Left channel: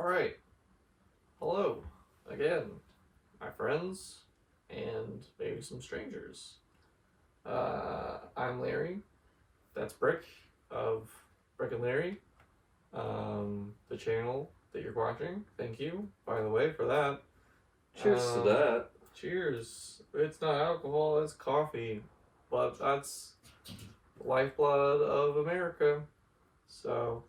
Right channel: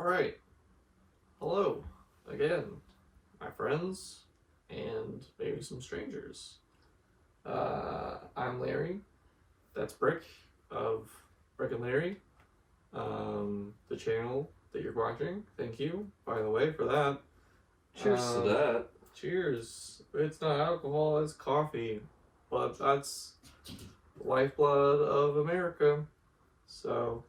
Alright, hello again, my friends, and maybe some strangers. I'm Larry, that's Brick of Brick and Larry, the channel that you're watching. Thank you, by the way, for that. Cheers to that. Cheers. It's not alcohol, it's coffee, but that's the lifeblood of America, so...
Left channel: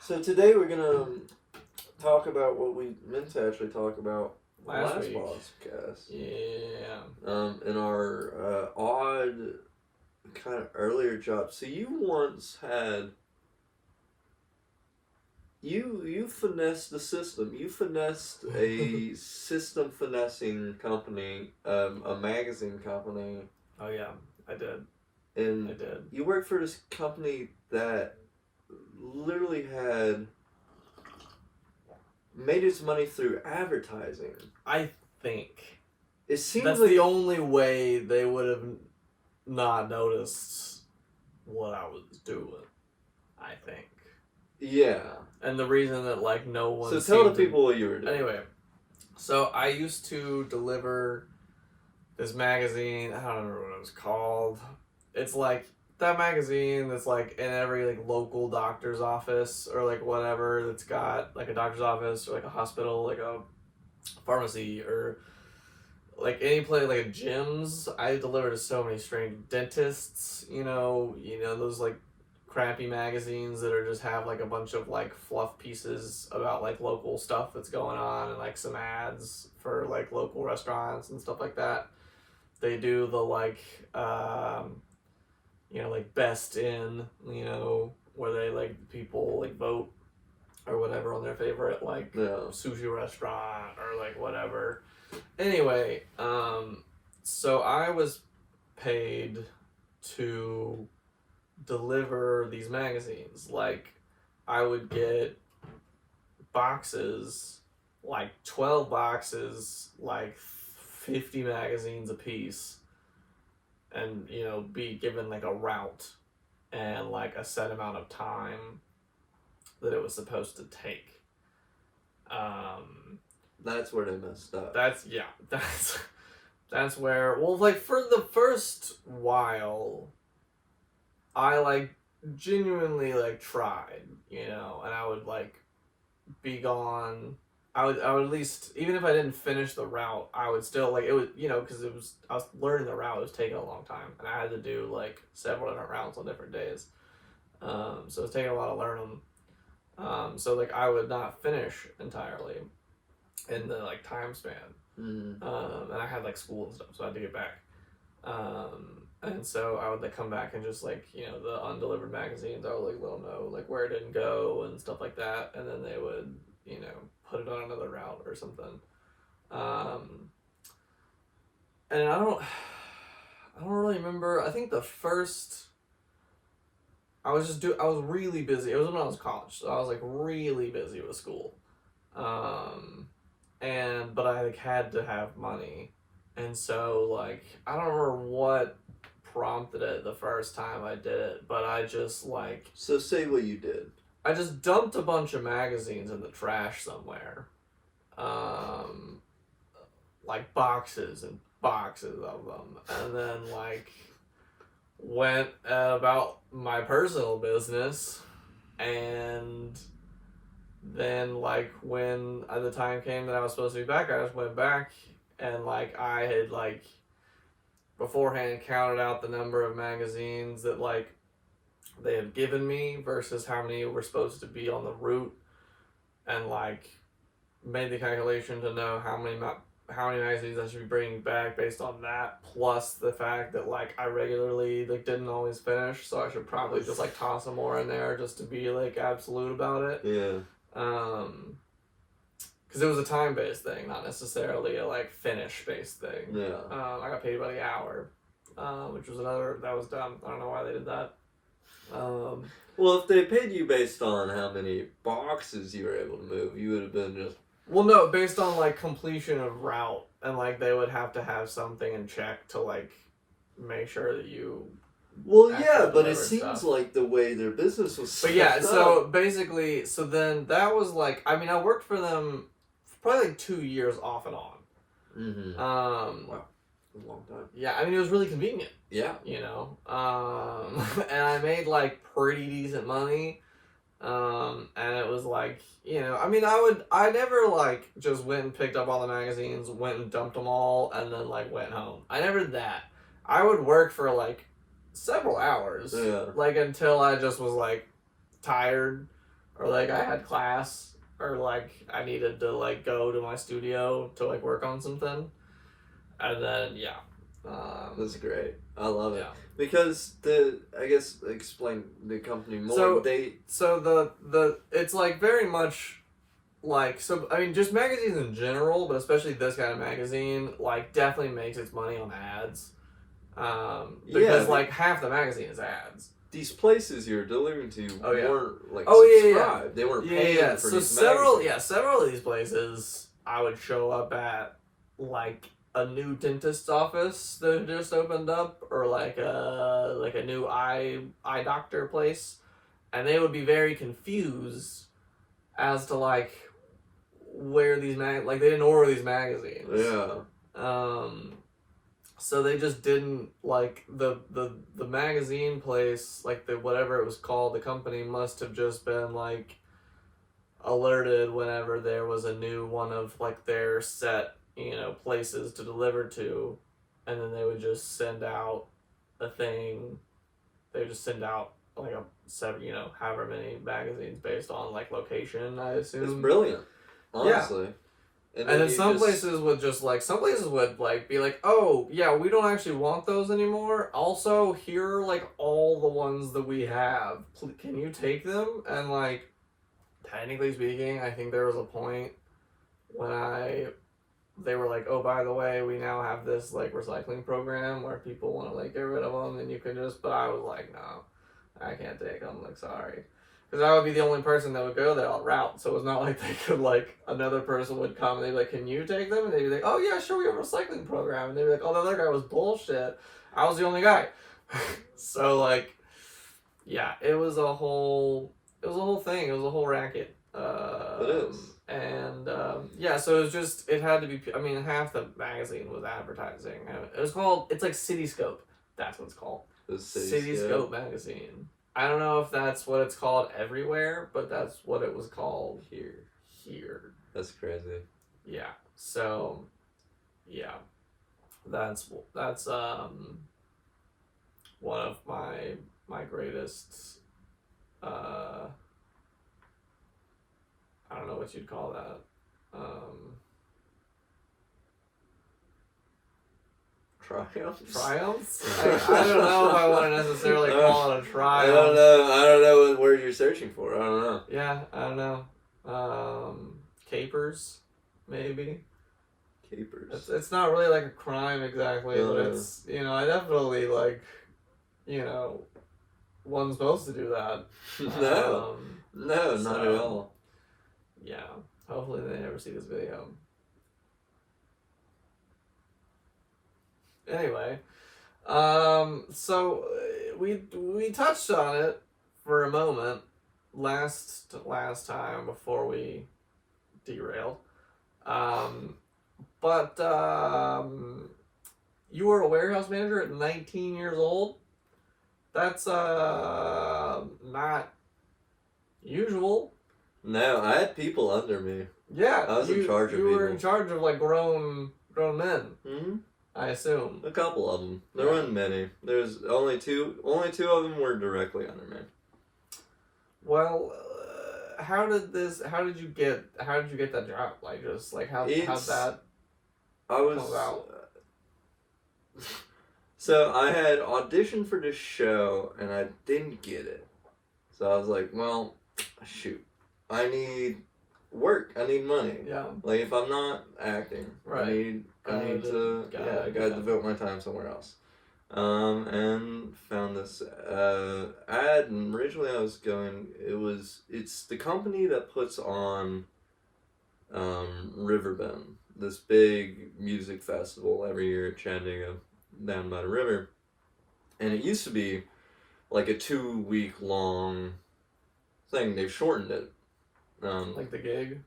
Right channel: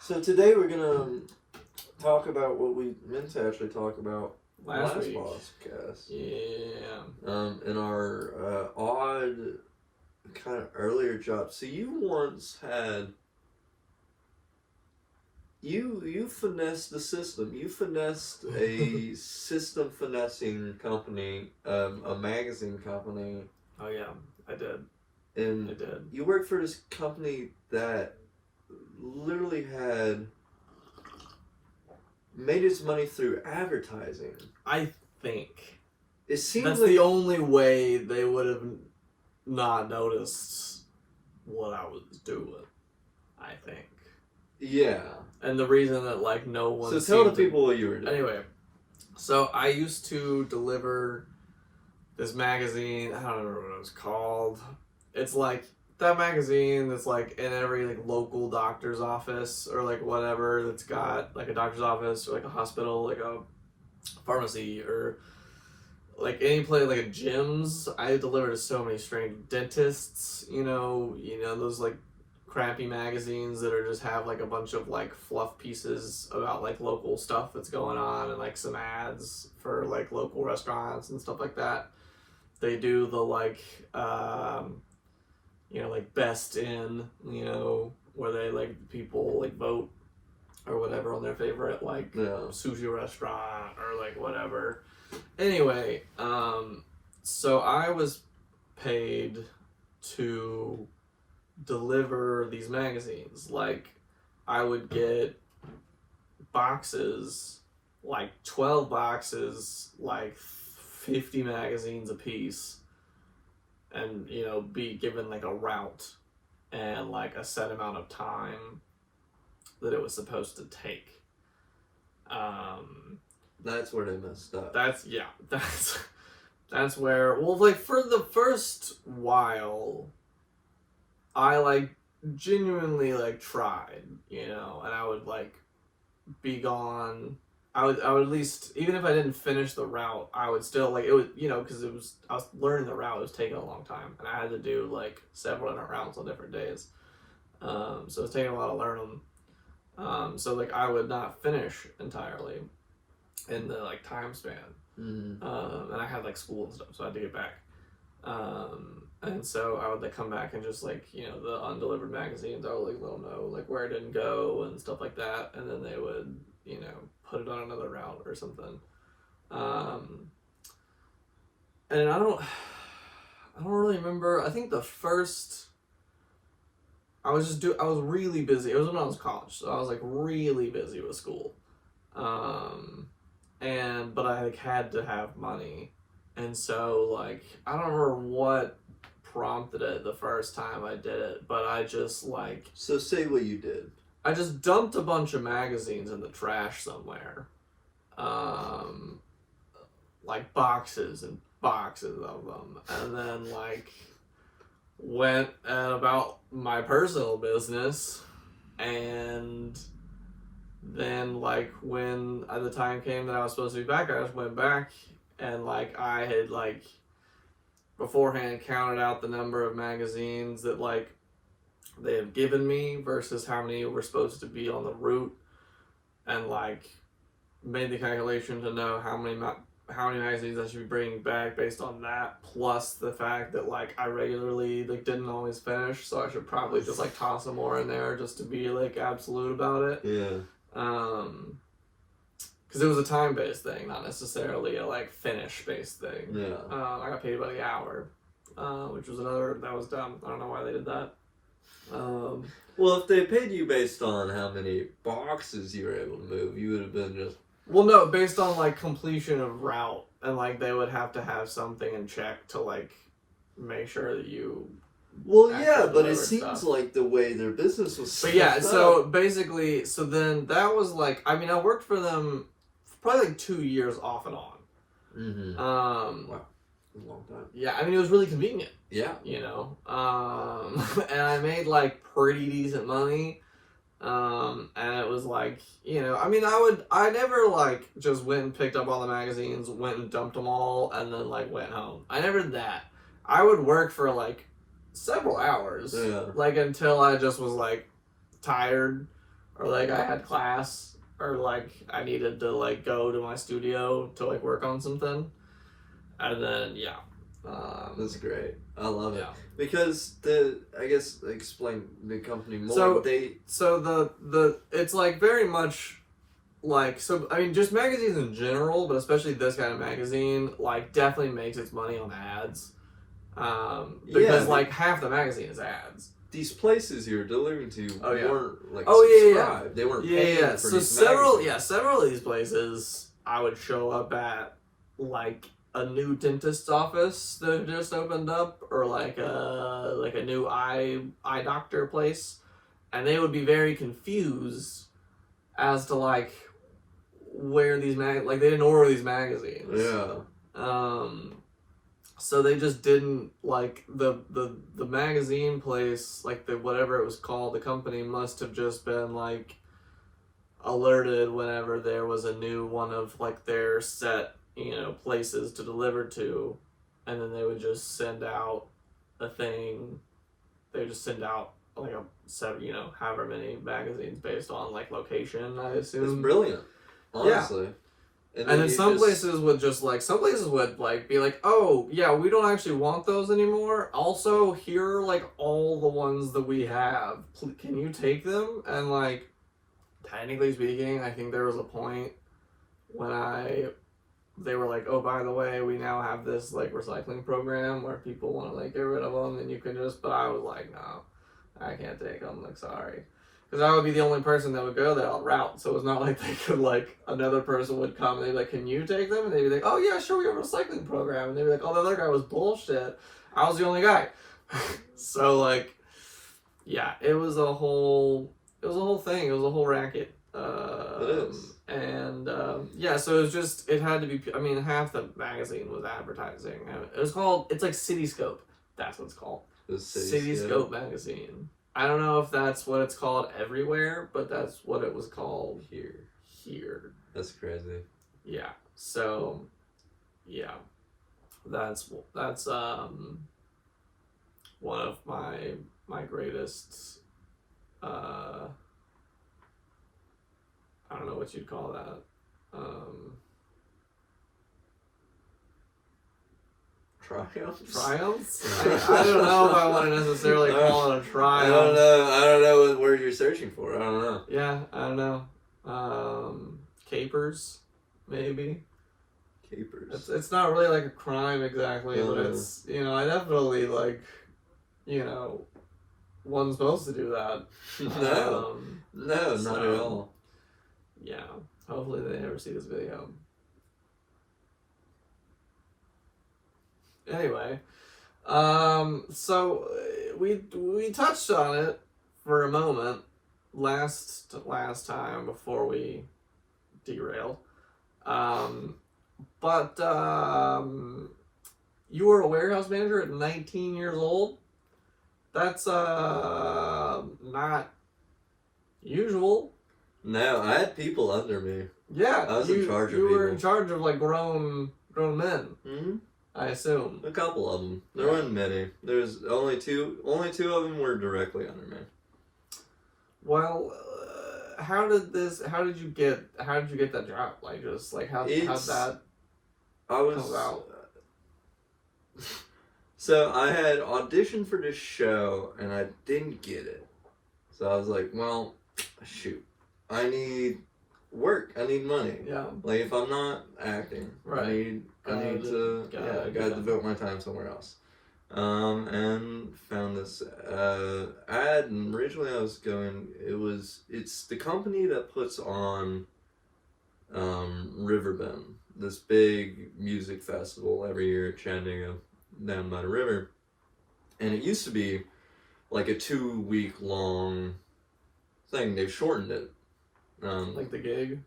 So today we're gonna talk about what we meant to actually talk about Last week. podcast. Yeah. In our odd kind of earlier job. So you once had you finessed the system. You finessed a system finessing company, a magazine company. Oh yeah, I did. And I did. You worked for this company that literally had made its money through advertising. I think It seems that's like the only way they would have not noticed what I was doing. I think. yeah. And the reason that no one. So tell the people what you were doing. Anyway, so I used to deliver this magazine. I don't remember what it was called. It's like that magazine that's in every local doctor's office or whatever that's got a doctor's office or a hospital, a pharmacy or any place a gyms. I deliver to so many strange dentists, you know those crappy magazines that are just have a bunch of fluff pieces about local stuff that's going on and some ads for local restaurants and stuff like that. They do the best in, where they people vote or whatever on their favorite sushi restaurant or whatever. Anyway, so I was paid to deliver these magazines. I would get boxes, 12 boxes, 50 magazines a piece, and be given a route and a set amount of time that it was supposed to take. That's where they messed up. That's where, for the first while I genuinely tried, and I would be gone. I would at least, even if I didn't finish the route, I would still it was, because I was learning the route. It was taking a long time, and I had to do several different routes on different days. So it was taking a while to learn them. So I would not finish entirely in the time span. Mm. And I had school and stuff, so I had to get back. And so I would come back and just the undelivered magazines, I would let them know where it didn't go and stuff like that, and then they would put it on another route or something. And I don't really remember. I think the first I was really busy. It was when I was in college, so I was really busy with school. But I had to have money, and so I don't remember what prompted it the first time I did it, but I just So say what you did. I just dumped a bunch of magazines in the trash somewhere. Boxes and boxes of them. And then went about my personal business, and then when the time came that I was supposed to be back, I just went back and I had beforehand counted out the number of magazines that they had given me versus how many were supposed to be on the route, and made the calculation to know how many magazines I should be bringing back based on that, plus the fact that I regularly didn't always finish, so I should probably just toss some more in there just to be absolute about it. Yeah. Because it was a time-based thing, not necessarily a finish-based thing. Yeah. I got paid by the hour, which was that was dumb. I don't know why they did that. Well, if they paid you based on how many boxes you were able to move, you would have been just... Well, no, based on completion of route, and they would have to have something in check to make sure that you Well, actual yeah, but it delivered seems stuff. like the way their business was But set yeah, up. so basically, so then that was like, I mean, I worked for them for probably like 2 years off and on. Mm-hmm. Wow. A long time. Yeah, I mean, it was really convenient, Yeah. you know. And I made like pretty decent money. And it was like, you know, I mean, I never like just went and picked up all the magazines, went and dumped them all, and then like went home. I never did that. I would work for like several hours, like until I just was like tired, or like I had class, or like I needed to like go to my studio to like work on something, and then yeah. That's great. I love it. Yeah. Because I guess explain the company more. So the it's like very much like, so I mean, just magazines in general, but especially this kind of magazine, like definitely makes its money on ads. Because like half the magazine is ads. These places you're delivering to weren't like subscribed. They weren't paying for so these several magazines. several of these places I would show up at, like a new dentist's office that just opened up, or like a new eye doctor place, and they would be very confused as to like where these like they didn't order these magazines. Yeah. So they just didn't like the magazine place, like the whatever it was called, the company must have just been like alerted whenever there was a new one of like their set, you know, places to deliver to, and then they would just send out a thing. They would just send out like a seven, you know, however many magazines based on like location, I assume. It's brilliant, honestly. Yeah. And then some places would just like, some places would like be like, oh yeah, we don't actually want those anymore. Also, here are like all the ones that we have. Can you take them? And like, technically speaking, I think there was a point when they were like, oh, by the way, we now have this like recycling program where people want to like get rid of them, and you can just, but I was like, no, I can't take them, like, sorry. Because I would be the only person that would go that route, so it's not like they could, like, another person would come and they'd be like, can you take them? And they'd be like, oh yeah, sure, we have a recycling program. And they'd be like, oh, the other guy was bullshit. I was the only guy. So, like, yeah, it was a whole thing. It was a whole racket. It is. And yeah, so it was just, it had to be, I mean, half the magazine was advertising. It was called, it's like Cityscope. That's what it's called. The Cityscope magazine. I don't know if that's what it's called everywhere, but that's what it was called here. That's crazy. Yeah. So, yeah, that's one of my greatest. I don't know what you'd call that. Triumphs? I don't know if I want to necessarily call it a triumph. I don't know what word you're searching for. I don't know. Yeah, I don't know. Capers, maybe. Capers. It's not really like a crime exactly, but it's, you know, I definitely like, you know, wasn't supposed to do that. No, not at all. Yeah, hopefully they never see this video. Anyway, so we touched on it for a moment last time before we derailed. But you were a warehouse manager at 19 years old. That's not usual. No, I had people under me. Yeah, I was in charge of you were people. in charge of like grown men. Mm-hmm. I assume. A couple of them. There weren't many. There's only two. Only two of them were directly under me. Well, how did you get that job? Like, just like how'd that come about? So I had auditioned for this show and I didn't get it. So I was like, well, shoot, I need work. I need money. Yeah. Like if I'm not acting, right. I need to devote my time somewhere else. And found this ad, and originally I was going. It's the company that puts on Riverbend, this big music festival every year at Chattanooga, down by the river. And it used to be like a 2-week long thing. They've shortened it. Like the gig?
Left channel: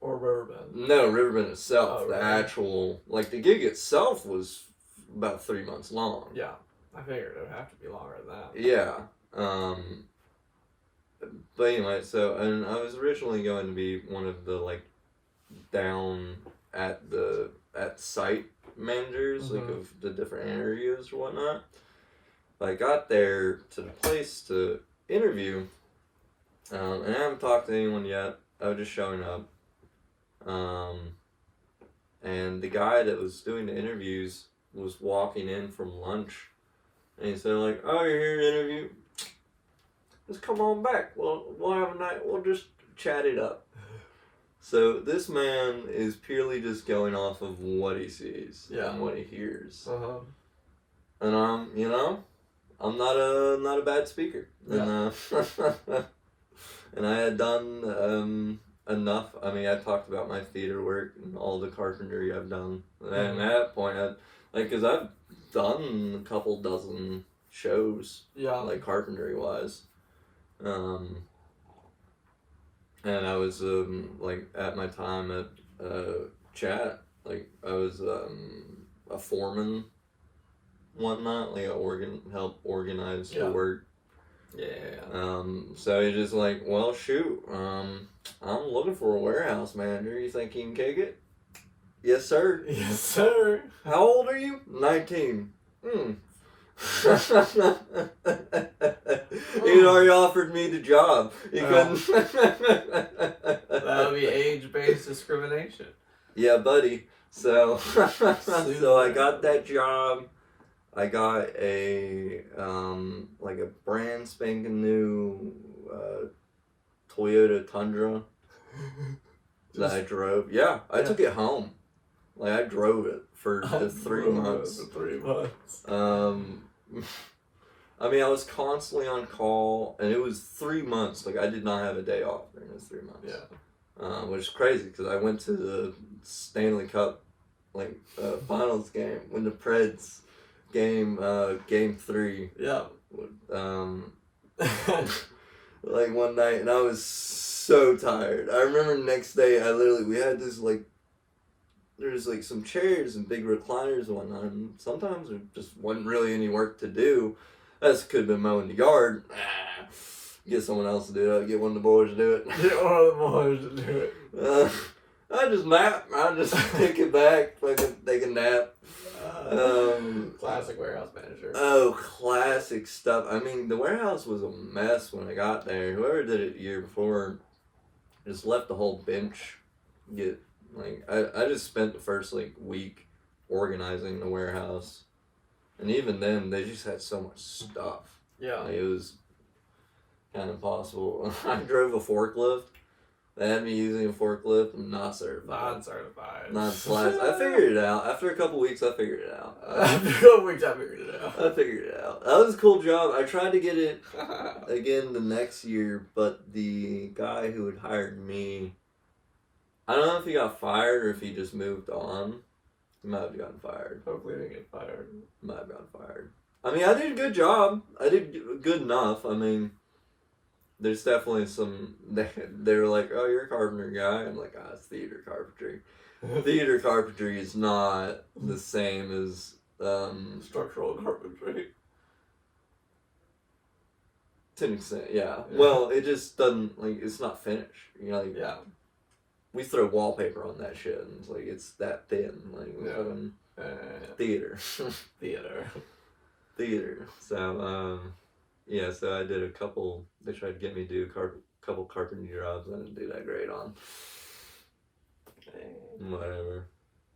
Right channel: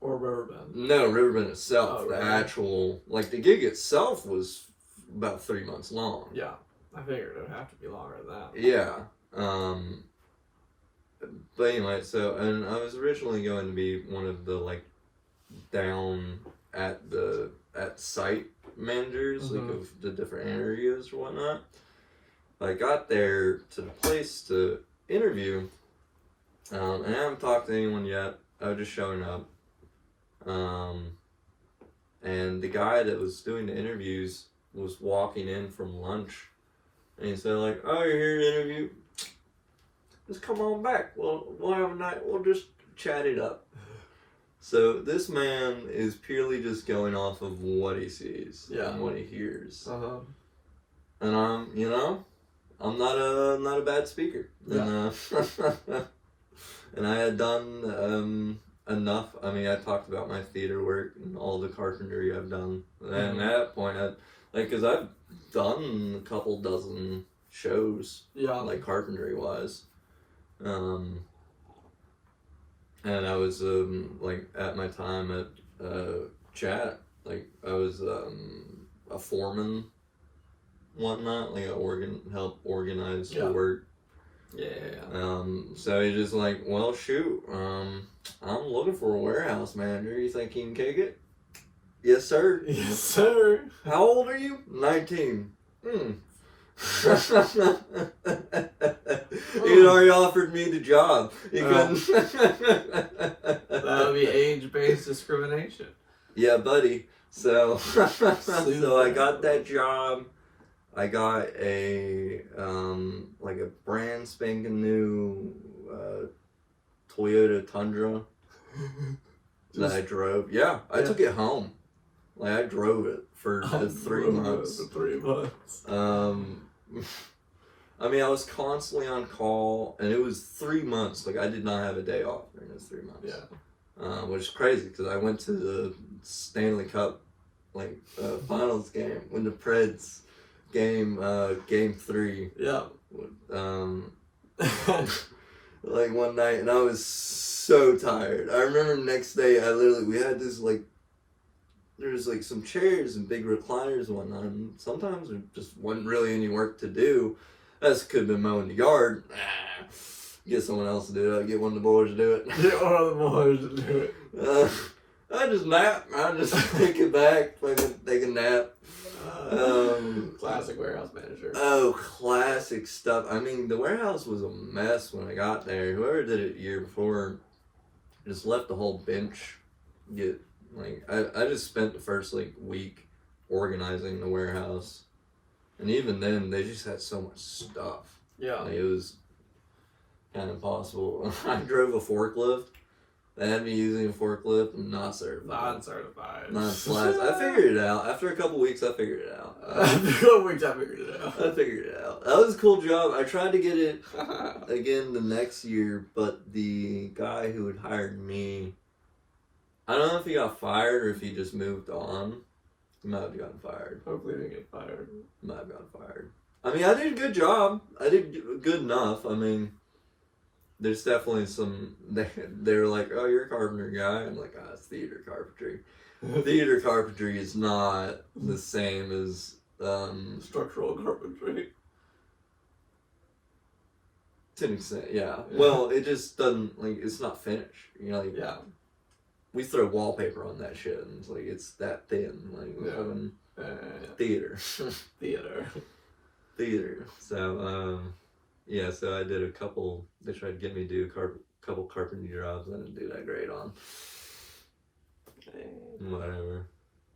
Or Riverbend? No, Riverbend itself. Oh, the really? actual, like the gig itself was about 3 months long. Yeah. I figured it would have to be longer than that. Yeah. But anyway, so, and I was originally going to be one of the, like, down at site managers, like, of the different areas or whatnot. But I got there to the place to interview, and I haven't talked to anyone yet. I was just showing up. And the guy that was doing the interviews was walking in from lunch. And he said, like, oh, you're here to interview? Just come on back. We'll have a night. We'll just chat it up. So this man is purely just going off of what he sees and what he hears. And I'm not a bad speaker. Yeah. And I had done enough. I mean, I talked about my theater work and all the carpentry I've done. And at that point, because I've done a couple dozen shows, like carpentry wise. And I was like at my time at Chat, like I was a foreman, whatnot, like help organize the work. So he's just like, well, shoot, I'm looking for a warehouse manager. You think you can kick it? Yes, sir. Yes, sir. How old are you? 19. He'd already offered me the job. That would be age-based discrimination. Yeah, buddy. So I got that job. I got a like a brand spanking new Toyota Tundra that I drove. Yeah, I took it home. Like I drove it for the 3 months. For 3 months. I mean, I was constantly on call, and it was 3 months. Like I did not have a day off during those 3 months. Yeah. Which is crazy because I went to the Stanley Cup finals game when the Preds game 3. Yeah. Like one night, and I was so tired. I remember the next day, we had this there's like some chairs and big recliners and whatnot, and sometimes there just wasn't really any work to do. I just could have been mowing the yard. Get someone else to do it. Get one of the boys to do it. Get one of the boys to do it. I just nap. I just take it back, fucking take a nap. Classic warehouse manager. Oh, classic stuff. I mean, the warehouse was a mess when I got there. Whoever did it the year before just left the whole bench I just spent the first week organizing the warehouse, and even then they just had so much stuff. Yeah. It was kind of impossible. I drove a forklift. They had me using a forklift. I'm not certified. Not slash. I figured it out. After a couple weeks, I figured it out. After a couple weeks, I figured it out. I figured it out. That was a cool job. I tried to get it again the next year, but the guy who had hired me, I don't know if he got fired or if he just moved on. He might have gotten fired. Hopefully, he didn't get fired. Might have gotten fired. I mean, I did a good job. I did good enough. I mean, there's definitely some. They're like, "Oh, you're a carpenter guy." I'm like, "Ah, it's theater carpentry." Theater carpentry is not the same as structural carpentry. To an extent, yeah. Well, it just doesn't it's not finished. Yeah. We throw wallpaper on that shit, and it's that thin. Theater. Theater. So, yeah, so I did a couple. They tried to get me to do a couple carpentry jobs. I didn't do that great on. Whatever.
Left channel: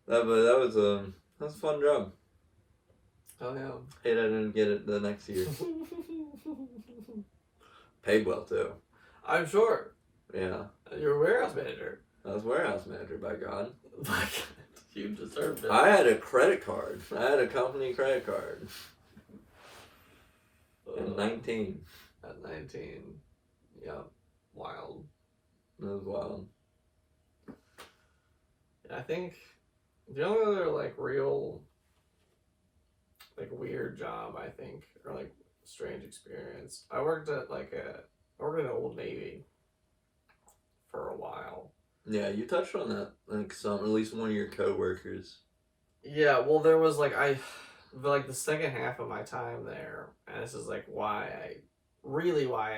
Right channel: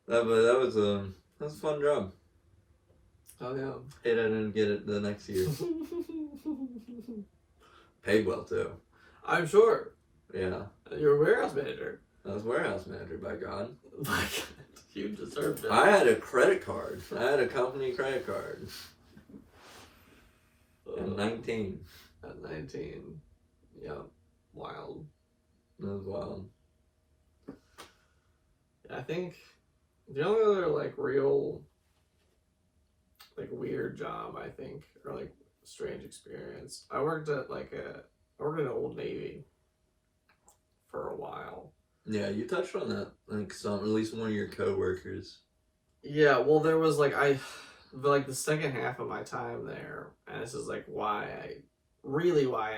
That was a fun job. Oh yeah. Hate I didn't get it the next year. Paid well too. I'm sure. Yeah. You're a warehouse manager. I was warehouse manager, by God. My God, you deserved it. I had a credit card. I had a company credit card. At 19. At 19. Yeah. Wild. That was wild. I think the only other real like weird job, I think, or like strange experience. I worked at Old Navy for a while. Yeah, you touched on that. Like at least one of your coworkers. Yeah, well, there was the second half of my time there, and this is like why I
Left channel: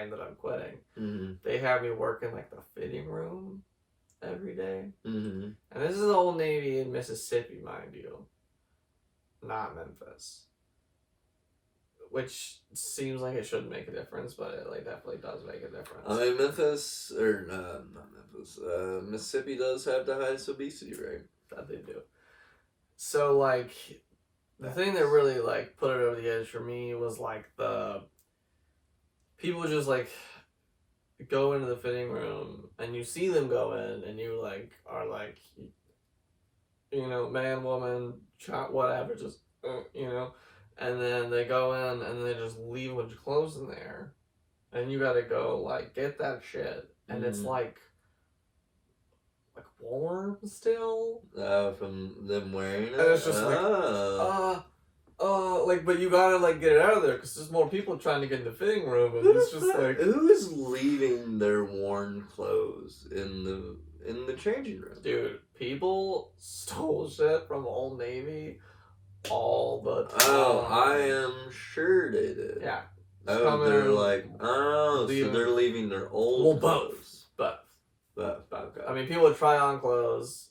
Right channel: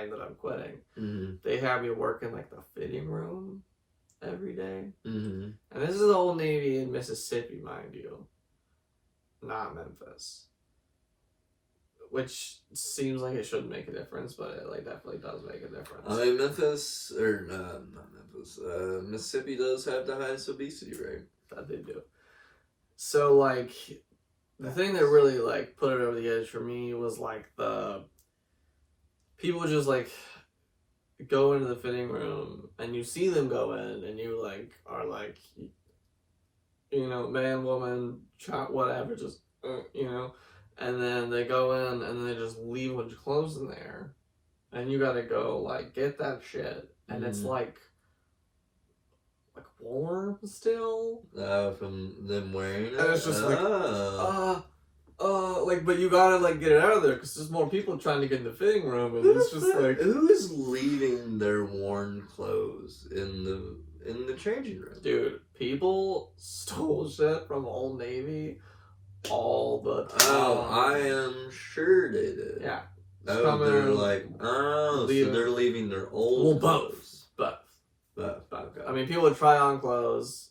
ended up quitting. Mm-hmm. They had me work in like the fitting room every day, mm-hmm. and this is the Old Navy in Mississippi, mind you, not Memphis. Which seems like it shouldn't make a difference, but it like definitely does make a difference. Memphis, or not Memphis, Mississippi does have the highest obesity rate. That they do. So like, the thing that really like put it over the edge for me was like the people just like go into the fitting room and you see them go in and you like are like, you know, man, woman, child, whatever, just you know. And then they go in and they just leave a bunch of clothes in there. And you gotta go, like, get that shit. And it's like warm still. From them wearing it? And it's just but you gotta, like, get it out of there because there's more people trying to get in the fitting room. And it's just like. Who is leaving their worn clothes in the changing room? Dude, people stole shit from Old Navy all the time. Oh, I am sure they did. Yeah. Oh, they're like, so they're leaving their old clothes. Both. Okay. I mean, people would try on clothes,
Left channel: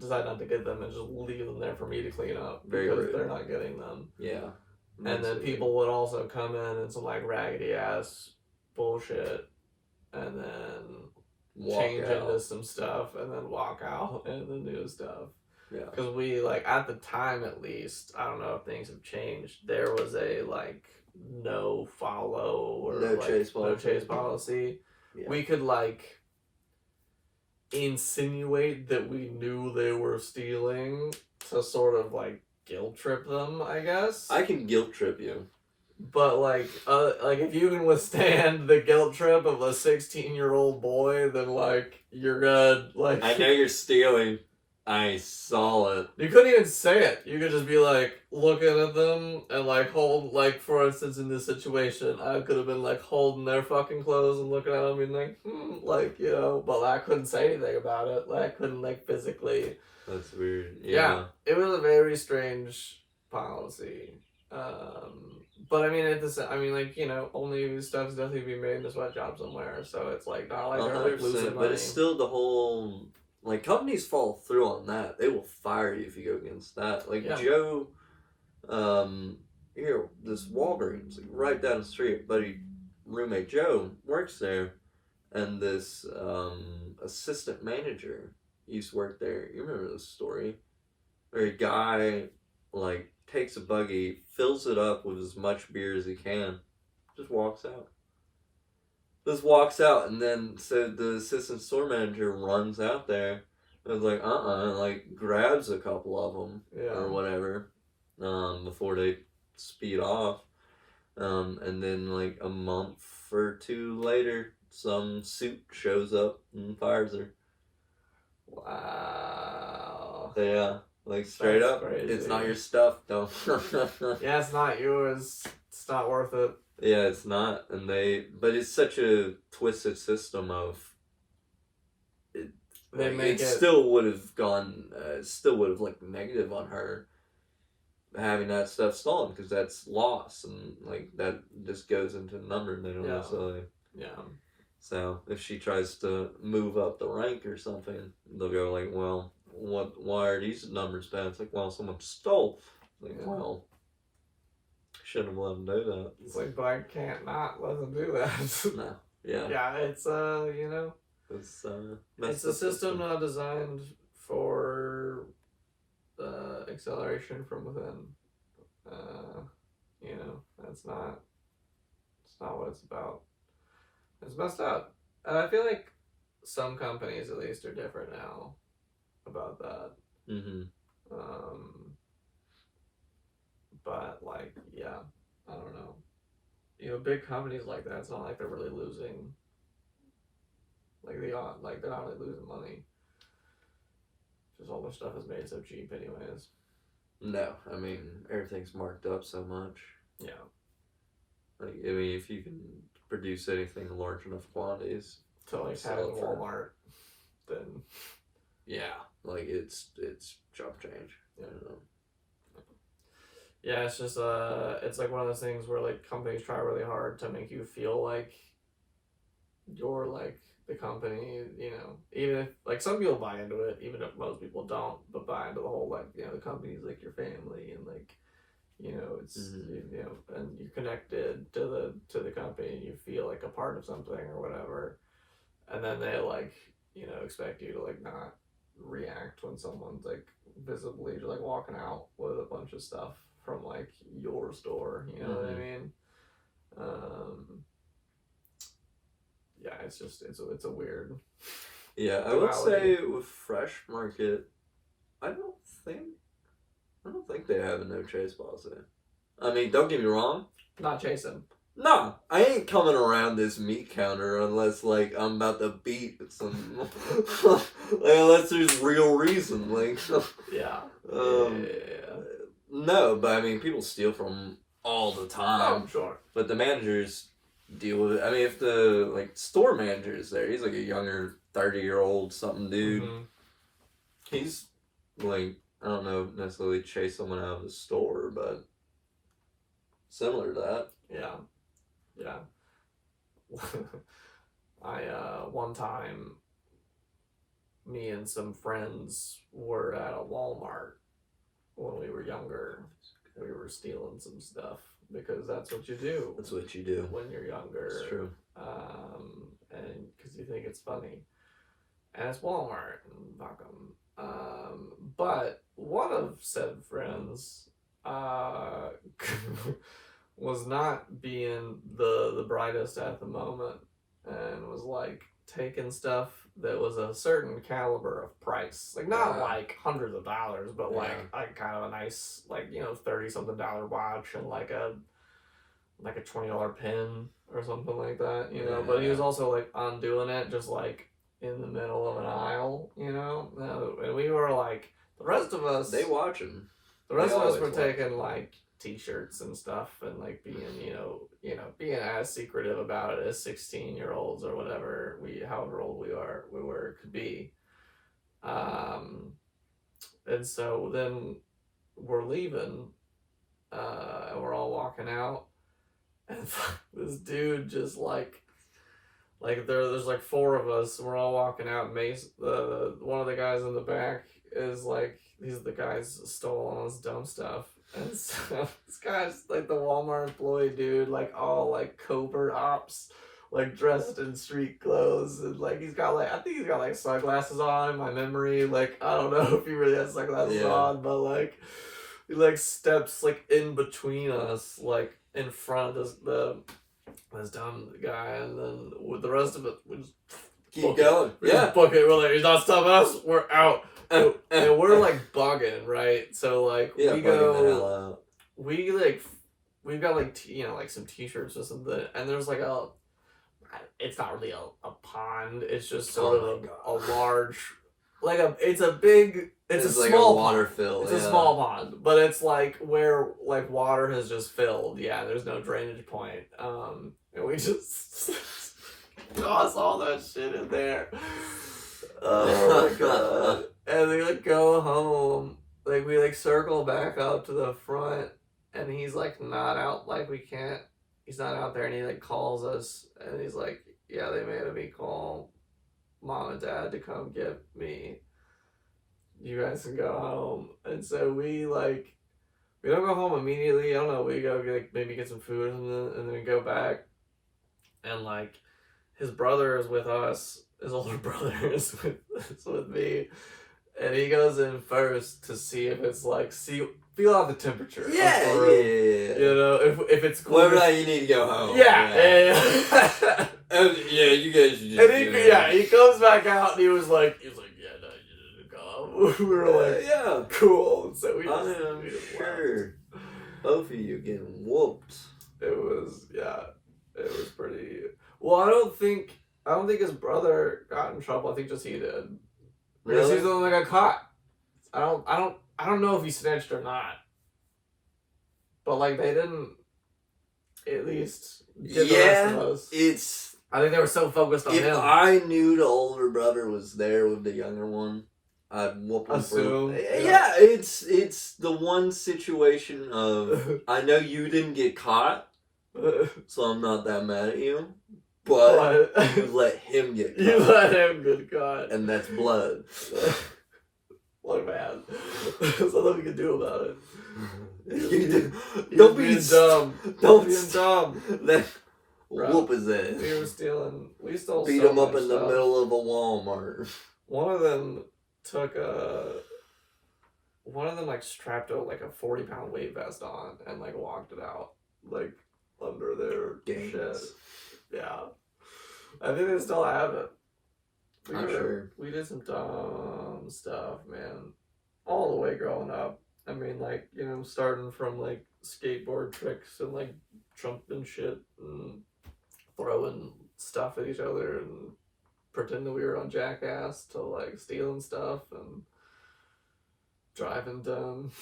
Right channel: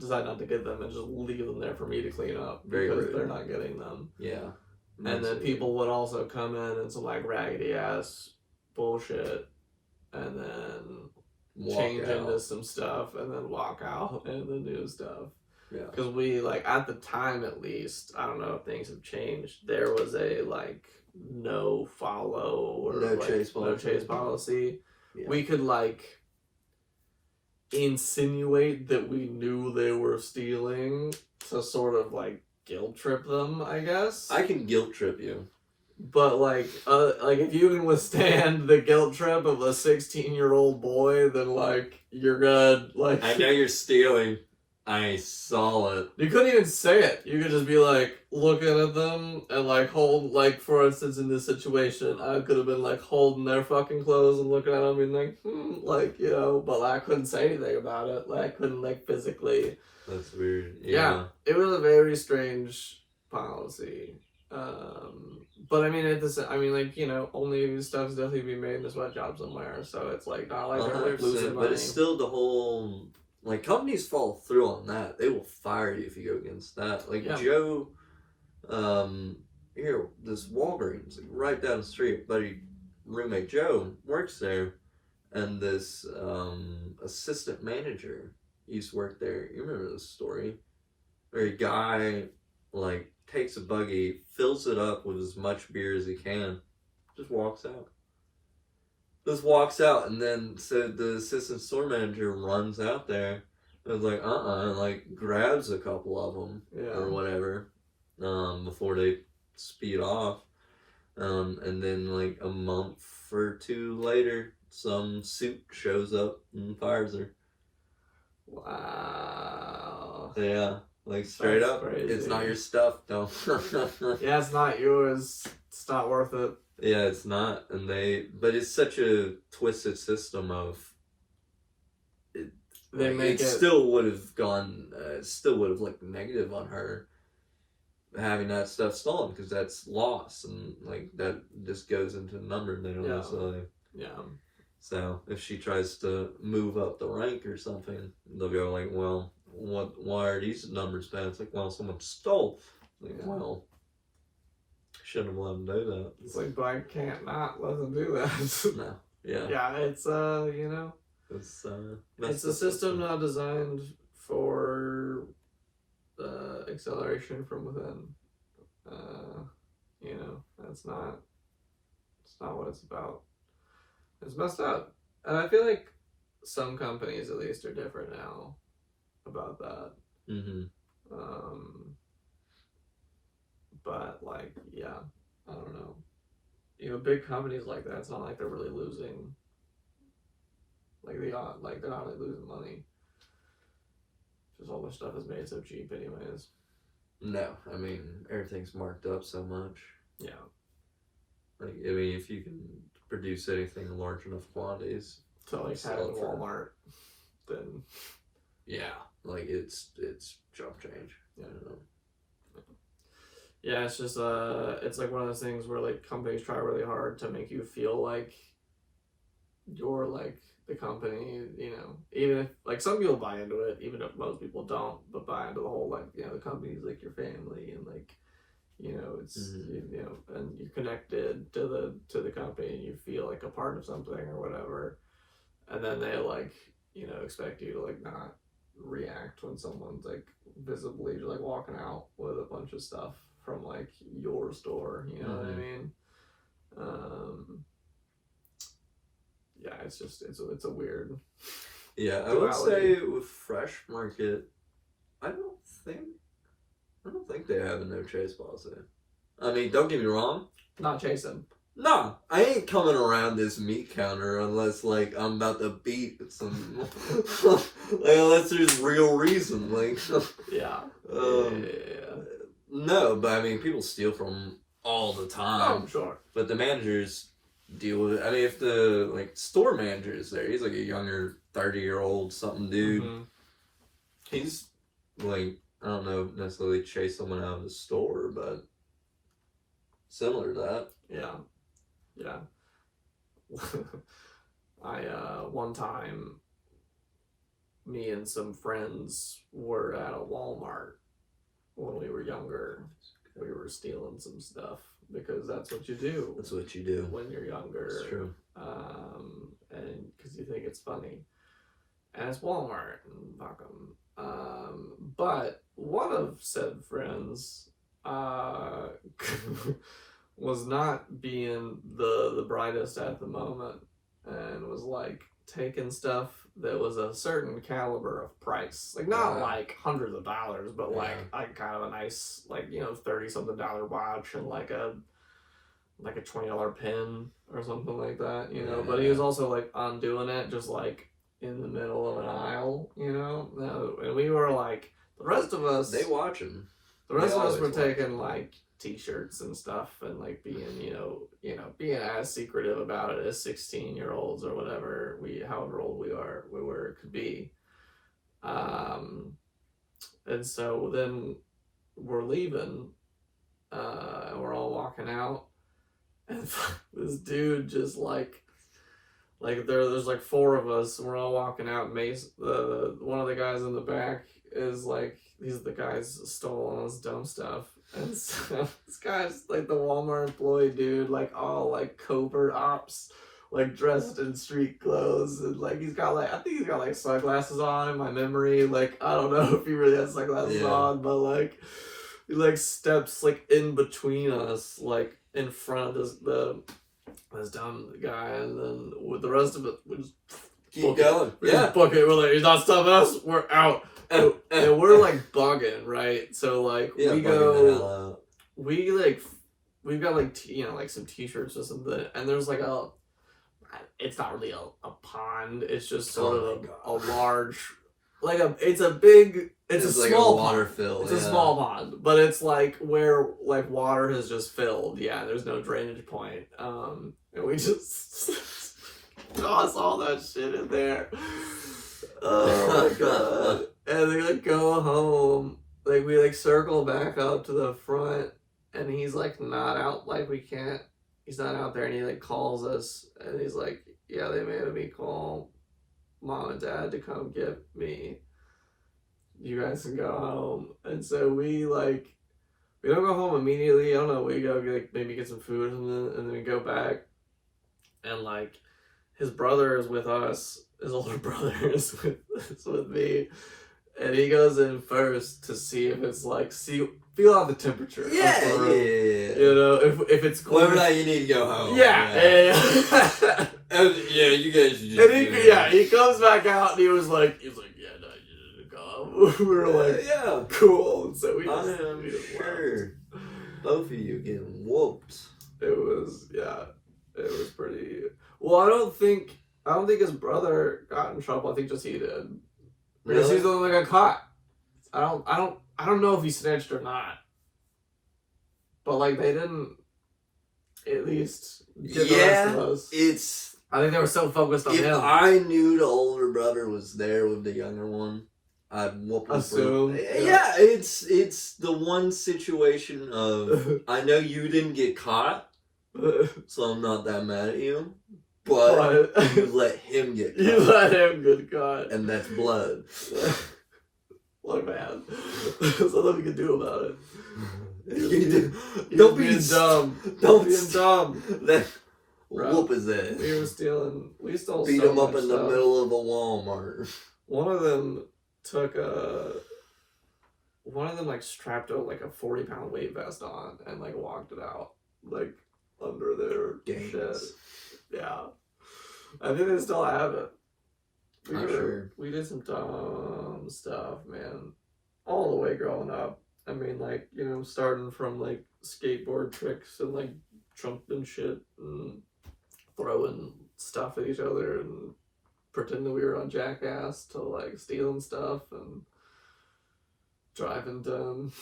decide not to get them, and just leave them there for me to clean up because they're not getting them. Yeah. And then people would also come in some like raggedy ass bullshit, and then change into some stuff, and then walk out into the new stuff. Yeah. Because we, like, at the time at least, I don't know if things have changed, there was a, like, no follow or no chase policy. Yeah. We could, like, insinuate that we knew they were stealing to sort of, like, guilt trip them, I guess. I can guilt trip you. But, like if you can withstand the guilt trip of a 16-year-old boy, then, like, you're good. Like, I know you're stealing. I saw it. You couldn't even say it. You could just be like looking at them and like hold, like, for instance, in this situation, I could have been like holding their fucking clothes and looking at them and being like, like, you know, but I couldn't say anything about it. Like, I couldn't like physically. That's weird. Yeah, it was a very strange policy. But I mean, like, you know, only stuff's definitely being made in a sweatshop somewhere, so it's like not like they're like losing money. But it's still the whole. Like, companies follow through on that. They will fire you if you go against that. Like, yeah. Joe, this Walgreens, like, right down the street, buddy, roommate Joe works there, and this assistant manager used to work there. You remember this story? Where a guy, like, takes a buggy, fills it up with as much beer as he can, just walks out. And then so the assistant store manager runs out there and was like, like grabs a couple of them or whatever, before they speed off. And then like a month or two later, some suit shows up and fires her. Wow. Yeah, like straight up, crazy. It's not your stuff, though. Yeah, it's not yours. It's not worth it. Yeah, it's not, but it's such a twisted system of. It still would have gone, looked negative on her having that stuff stolen because that's loss and like that just goes into the number. They don't necessarily. Yeah. So if she tries to move up the rank or something, they'll go like, well, why are these numbers bad? It's like, well, someone stole. Like, well. Shouldn't have let them do that. It's like, but I can't not let them do that. No. Yeah. Yeah, it's you know, it's a system not designed for acceleration from within. You know, it's not what it's about. It's messed up, and I feel like some companies at least are different now about that. Mm-hmm. But like, yeah, I don't know. You know, big companies like that, it's not like they're really losing. Like they're not really losing money. Just all their stuff is made so cheap, anyways. No, I mean everything's marked up so much. Yeah. Like, I mean, if you can produce anything in large enough quantities to like have at Walmart, then yeah, like it's chump change. Yeah. Yeah, it's just it's like one of those things where like companies try really hard to make you feel like you're like the company, you know, even if like some people buy into it, even if most people don't, but buy into the whole like, you know, the company's like your family and like, you know, it's you know, and you're connected to the company and you feel like a part of something or whatever. And then they like, you know, expect you to like not react when someone's like visibly like walking out with a bunch of stuff from like your store, you know what I mean? Yeah, it's just it's a weird. Yeah, I would say with Fresh Market, I don't think they have a no chase policy. I mean, don't get me wrong. Not chasing. No, I ain't coming around this meat counter unless like I'm about to beat some, like, unless there's real reason. Like, yeah. No, but I mean, people steal from all the time. Oh, sure. But the managers deal with it. I mean, if the like store manager is there, he's like a younger 30-year-old something dude. He's like, I don't know, necessarily chase someone out of the store, but similar to that. Yeah. I one time me and some friends were at a Walmart when we were younger. We were stealing some stuff because that's what you do. That's what you do when you're younger. It's true. And because you think it's funny, and it's Walmart and fuck 'em. But one of said friends was not being the brightest at the moment and was like taking stuff that was a certain caliber of price, like not like hundreds of dollars, but like kind of a nice, like, you know, $30-something watch and like a $20 pin or something like that, you know. But he was also like undoing it just like in the middle of an aisle, you know. And we were like, the rest of us, they watching. The rest of us were taking like t-shirts and stuff and like being, you know, being as secretive about it as 16-year-olds or whatever however old we could be. And so then we're leaving, and we're all walking out, and this dude just like there's like four of us, we're all walking out. Mace, one of the guys in the back is like, these are the guys stolen all this dumb stuff. And so this guy's like the Walmart employee dude, like all like covert ops, like dressed in street clothes, and like he's got like, I think he's got like sunglasses on in my memory. Like, I don't know if he really has sunglasses on, but like he like steps like in between us, like in front of this dumb guy, and then with the rest of it, we just keep going. Just book it. We're like, he's not stopping us. We're out. And we're like bugging, right? So like we go, we've got like you know, like some t-shirts or something, and there's like it's not really a pond. It's just sort of a large, like it's a like small water pond. Fill, it's a small pond, but it's like where like water has just filled. Yeah, there's no drainage point. And we just toss all that shit in there. Oh my god. And they like go home, like we like circle back up to the front, and he's like not out, like he's not out there, and he like calls us, and he's like, yeah, they made me call mom and dad to come get me. You guys can go home. And so we don't go home immediately. I don't know, we go like maybe get some food and then we go back, and like his brother is with us, his older brother is with me. And he goes in first to see if it's like, feel out the temperature. Yeah. You know, if it's cool. Whether or not you need to go home. Yeah. Yeah, you guys should just. And he comes back out and he was like, yeah, no, you should go. We were like, yeah, cool. And so we just sure. Both of you getting whooped. It was pretty. Well, I don't think his brother got in trouble. I think just he did. Because he's the one that got caught. I don't I don't know if he snitched or not, but like they didn't at least get the rest of us. It's. I think they were so focused on If him. I knew the older brother was there with the younger one, I'd whoop him. Assume. Yeah, it's the one situation of I know you didn't get caught, so I'm not that mad at you. But you let him get caught. You let him get caught. And that's blood. What man. There's nothing we can do about it. Don't be dumb. Don't be dumb. Whoop his ass. We stole Beat so him up much in the stuff. middle of a Walmart. One of them like strapped like a 40-pound weight vest on and like walked it out like under their shit. Yeah. I think they still have it. We did some dumb stuff, man. All the way growing up. I mean, like, you know, starting from like skateboard tricks and like jumping shit and throwing stuff at each other and pretending we were on Jackass to like stealing stuff and driving dumb.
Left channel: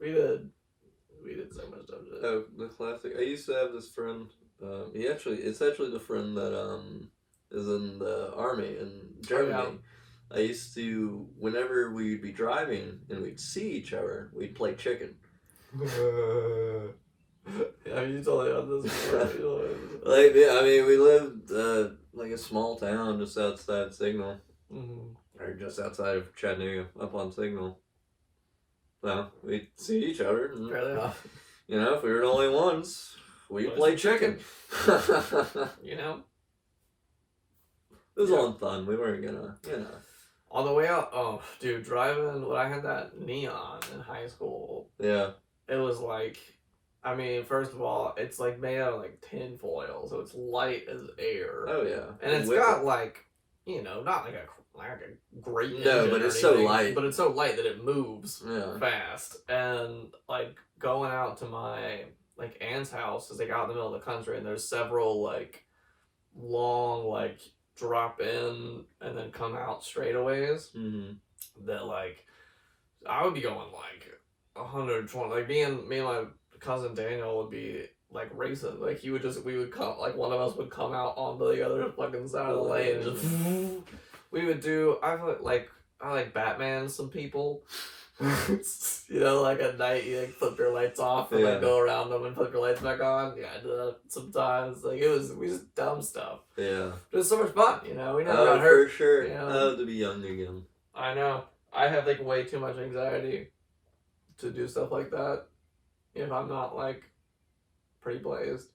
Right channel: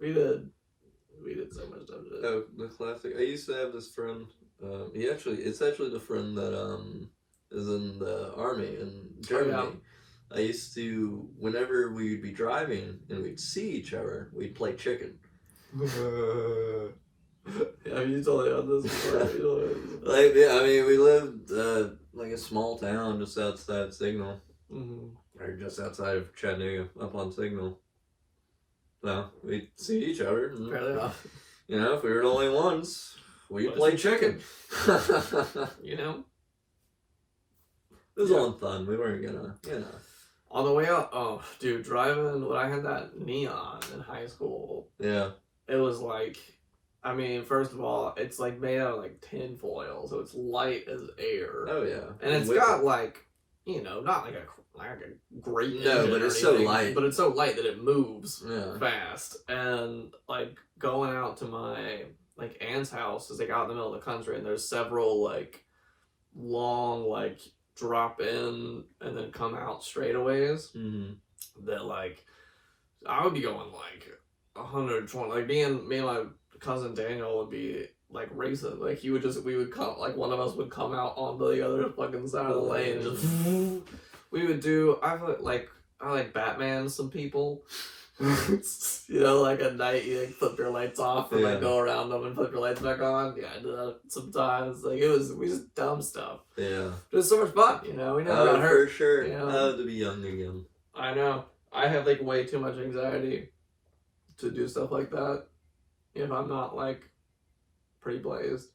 We did so much dumb shit. Oh, the classic. I used to have this friend. It's actually the friend that is in the army in Germany. Oh, yeah. I used to, whenever we'd be driving and we'd see each other, we'd play chicken. Yeah, you totally on this before. Like, yeah, I mean, we lived like a small town just outside Signal, or just outside of Chattanooga, up on Signal. So we'd see each other. And, fairly enough. You know, if we were the only ones, we'd play chicken. You know, it was all fun. We weren't gonna, you know. On the way out, oh, dude, driving when I had that Neon in high school. Yeah. It was like, I mean, first of all, it's like made out of like tin foil, so it's light as air. Oh yeah. And it's got like, you know, not like a great engine but or it's so anything, light. but it's so light that it moves Yeah. fast. And like going out to my like aunt's house is like out in the middle of the country, and there's several like long like drop in and then come out straightaways that like I would be going like 120. Like me and my cousin Daniel would be like racing. Like we would come, like one of us would come out onto the other fucking side of the lane and just we would do. I like Batman some people. You know, like at night you like flip your lights off and like go around them and flip your lights back on. Yeah, I do that sometimes. Like we just dumb stuff. Yeah. It was so much fun, you know. We never got hurt. For sure. You know? I had to be young again. I know. I have like way too much anxiety to do stuff like that if I'm not like pretty blazed.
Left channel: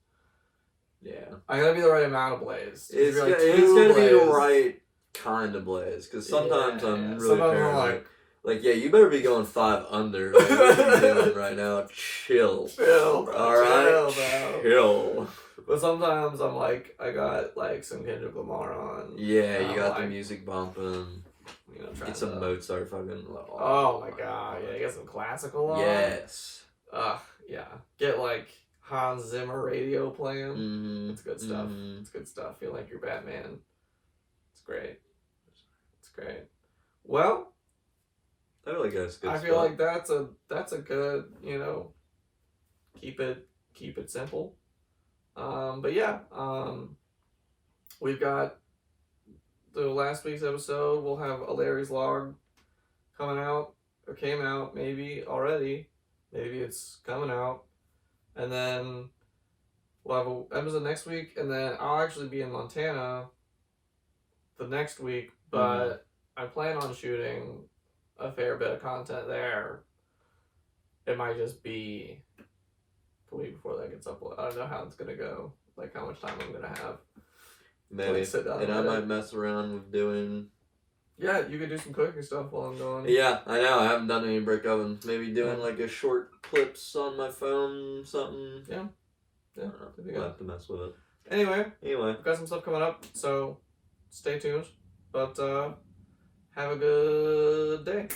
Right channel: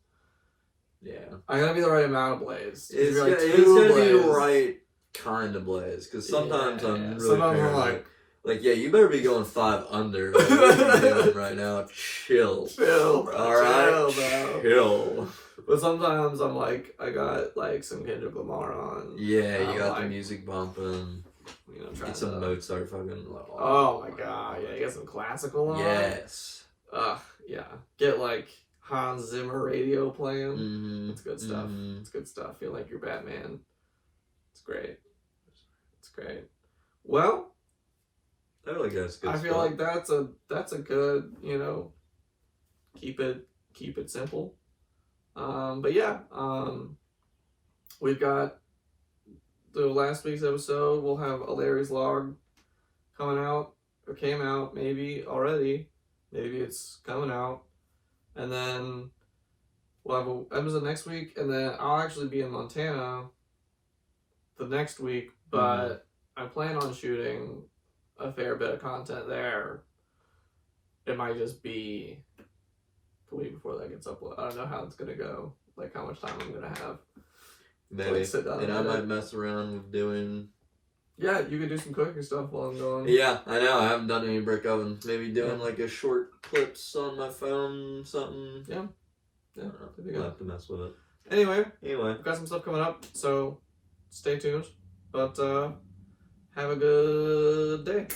Yeah. I gotta be the right amount of blazed. It's like gonna be the right kind of blaze, because sometimes I'm really paranoid. Like, yeah, you better be going 5 under. Like, what you're doing right now. Chill, bro. All right, chill. But sometimes I'm like, I got like some Kendrick Lamar on. Yeah, you got the music bumping. You know, get some Mozart fucking. Oh my god, yeah, get some classical on. Yes. Yeah. Get like Hans Zimmer radio playing. Mm-hmm. It's good stuff. It's good stuff. Feel like you're Batman. It's great. It's great. Well, I feel like that's good. I feel like that's a good, you know, keep it simple. But yeah, we've got the last week's episode. We'll have a Larry's Log coming out, or came out maybe already. Maybe it's coming out. And then we'll have an episode next week, and then I'll actually be in Montana the next week, but I plan on shooting a fair bit of content there. It might just be the week before that gets uploaded. I don't know how it's gonna go, like how much time I'm gonna have. Maybe. And I might mess around with doing. Yeah, you could do some cooking stuff while I'm going. Yeah, I know. I haven't done any brick ovens. Maybe doing like a short clips on my phone, something. Yeah. I'll have to mess with it. Anyway, Anyway, we've got some stuff coming up, so stay tuned. But have a good day.